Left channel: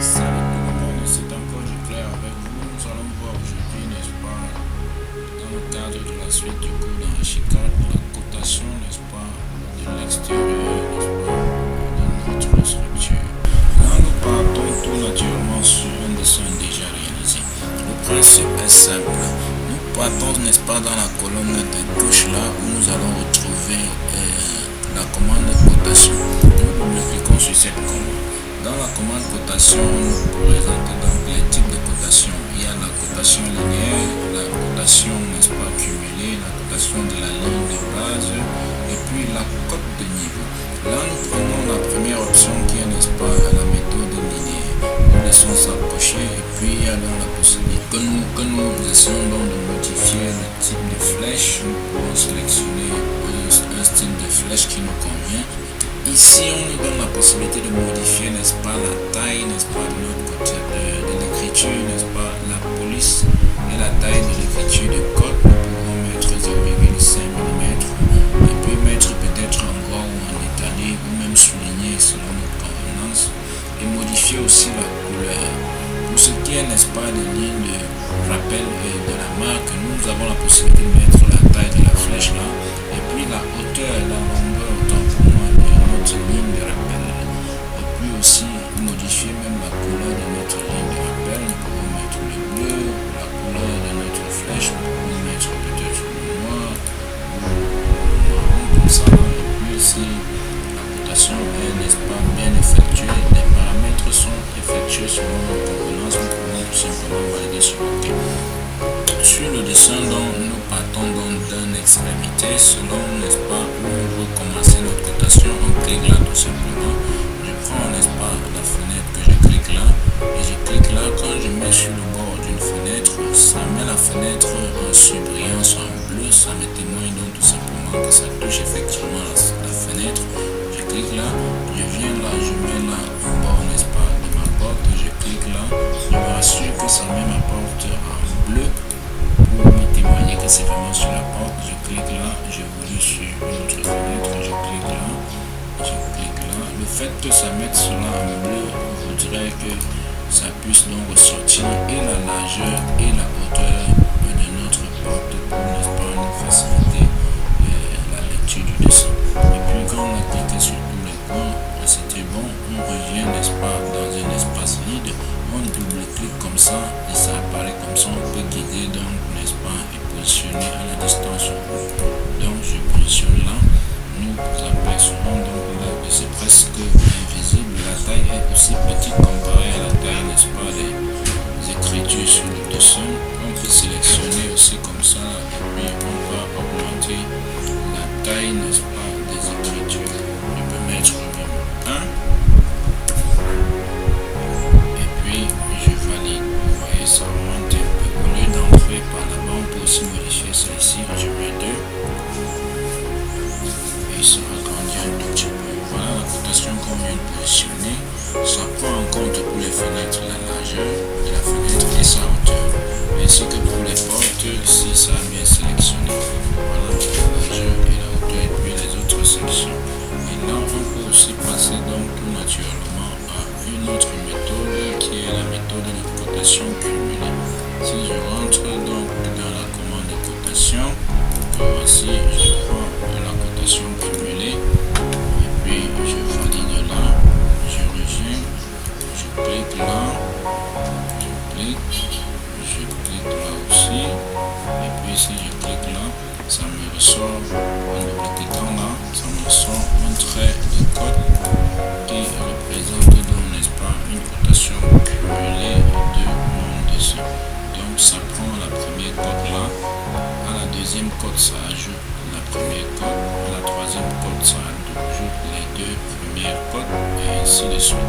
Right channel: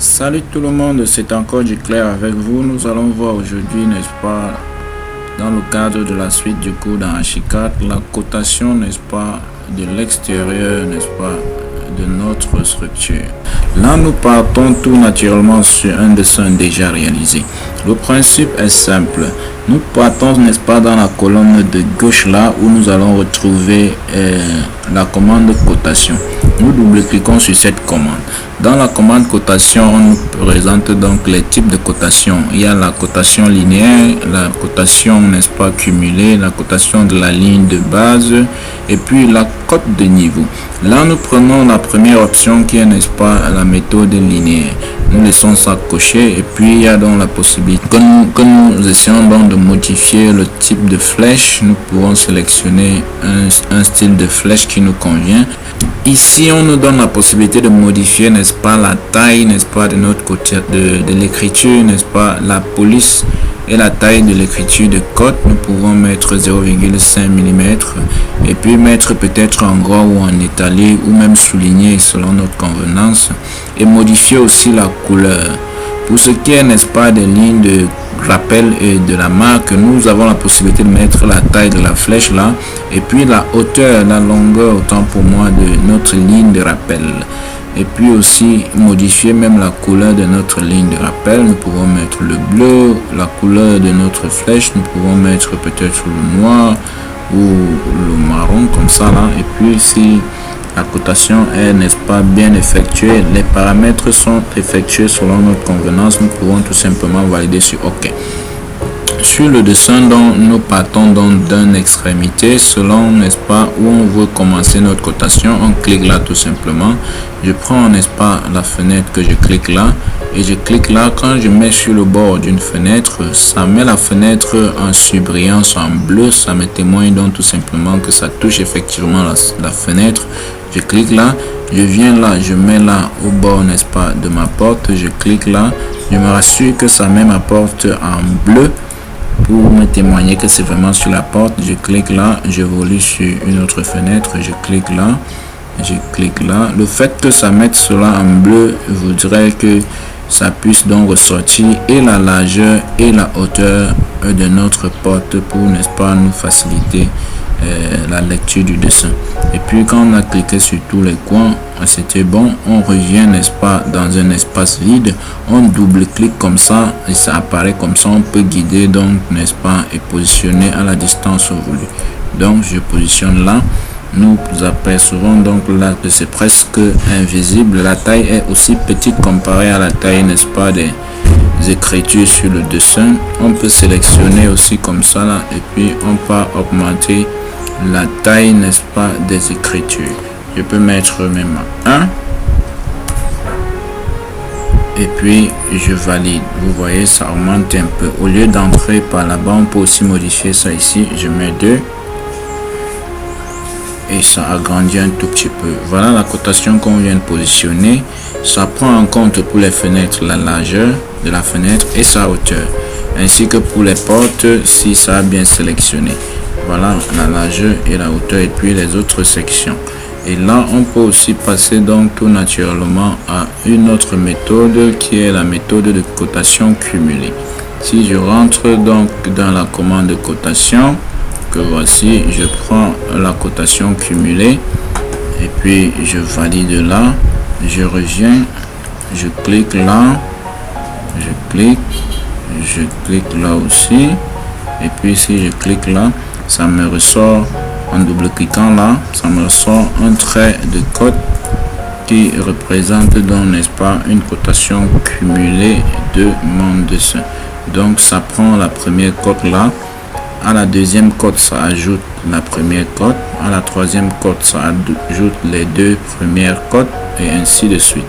Salut tout le monde, c'est encore du clair avec vous. Nous allons voir aujourd'hui, n'est-ce pas, dans le cadre de la suite du cours dans H4, la cotation, n'est-ce pas, de l'extérieur, n'est-ce pas, de notre structure. Là, nous partons tout naturellement sur un dessin déjà réalisé. Le principe est simple. Nous partons, n'est-ce pas, dans la colonne de gauche là où nous allons retrouver la commande cotation. Nous double-cliquons sur cette commande. Dans la commande cotation, on nous présente donc les types de cotation. Il y a la cotation linéaire, la cotation, n'est-ce pas, cumulée, la cotation de la ligne de base et puis la cote de niveau. Là, nous prenons la première option qui est, n'est-ce pas, la méthode linéaire. Nous laissons ça cocher et puis il y a donc la possibilité que nous essayons donc de modifier le type de flèche. Nous pouvons sélectionner un style de flèche qui nous convient. Ici, on nous donne la possibilité de modifier, n'est-ce pas, la taille, n'est-ce pas, de notre côté de l'écriture, n'est-ce pas, la police et la taille de l'écriture de code. Nous pouvons mettre 0,5 mm et puis mettre peut-être en gras ou en étalé ou même souligner selon notre convenance et modifier aussi la couleur. Pour ce qui est, n'est-ce pas, des lignes de rappel et de la marque, nous avons la possibilité de mettre la taille de la flèche là et puis la hauteur, la longueur, autant pour moi, de notre ligne de rappel. Et puis aussi modifier même la couleur de notre ligne de rappel. Nous pouvons mettre le bleu, la couleur de notre flèche, nous pouvons mettre peut-être le noir ou le marron comme ça là. Et puis si la cotation est, n'est-ce pas, bien effectuée, les paramètres sont effectués selon notre convenance, nous pouvons tout simplement valider sur OK. Sur le dessin, donc, nous partons donc d'une extrémité selon, n'est-ce pas, où on veut commencer notre cotation. On clique là tout simplement. Je prends, n'est-ce pas, la fenêtre que je clique là et je clique là. Quand je mets sur le bord d'une fenêtre, ça met la fenêtre en surbrillance en bleu. Ça me témoigne donc tout simplement que ça touche effectivement la fenêtre. Je clique là, je viens là, je mets là au bord, n'est-ce pas, de ma porte. Je clique là, je me rassure que ça met ma porte en bleu pour me témoigner que c'est vraiment sur la porte. Je clique là, j'évolue sur une autre fenêtre, je clique là, je clique là. Le fait que ça mette cela en bleu voudrait que ça puisse donc ressortir et la largeur et la hauteur de notre porte pour, n'est-ce pas, nous faciliter la lecture du dessin. Et puis quand on a cliqué sur tous les coins, c'était bon. On revient, n'est-ce pas, dans un espace vide, on double-clique comme ça et ça apparaît comme ça. On peut guider donc, n'est-ce pas, et positionner à la distance voulue. Donc je positionne là. Nous apercevons donc là que c'est presque invisible. La taille est aussi petite comparée à la taille, n'est-ce pas, des écritures sur le dessin. On peut sélectionner aussi comme ça là, et puis on peut augmenter la taille, n'est-ce pas, des écritures. Je peux mettre même 1 et puis je valide. Vous voyez, ça augmente un peu. Au lieu d'entrer par là-bas, on peut aussi modifier ça ici. Je mets 2 et ça agrandit un tout petit peu. Voilà la cotation qu'on vient de positionner. Ça prend en compte pour les fenêtres la largeur de la fenêtre et sa hauteur, ainsi que pour les portes si ça a bien sélectionné. Voilà la largeur et la hauteur et puis les autres sections. Et là on peut aussi passer donc tout naturellement à une autre méthode qui est la méthode de cotation cumulée. Si je rentre donc dans la commande de cotation que voici, je prends la cotation cumulée et puis je valide là, je reviens, je clique là, je clique là aussi et puis si je clique là, ça me ressort en double-cliquant là, ça me ressort un trait de code qui représente donc, n'est-ce pas, une cotation cumulée de mon dessin. Donc ça prend la première cote là, à la deuxième cote ça ajoute la première cote, à la troisième cote ça ajoute les deux premières cotes et ainsi de suite.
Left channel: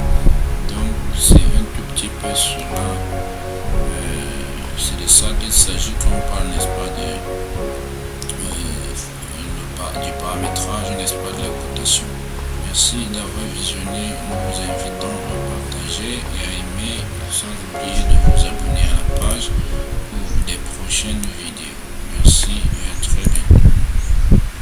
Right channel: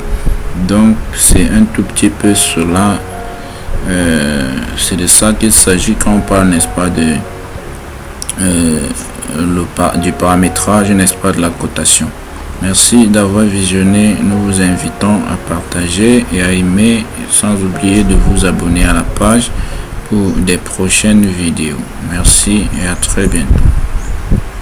Donc c'est un tout petit peu cela, c'est de ça qu'il s'agit quand on parle, n'est-ce pas, de du paramétrage, n'est-ce pas, de la cotation. Merci d'avoir visionné. Nous vous invitons à partager et à aimer, sans oublier de vous abonner à la page pour des prochaines vidéos. Merci et à très bientôt.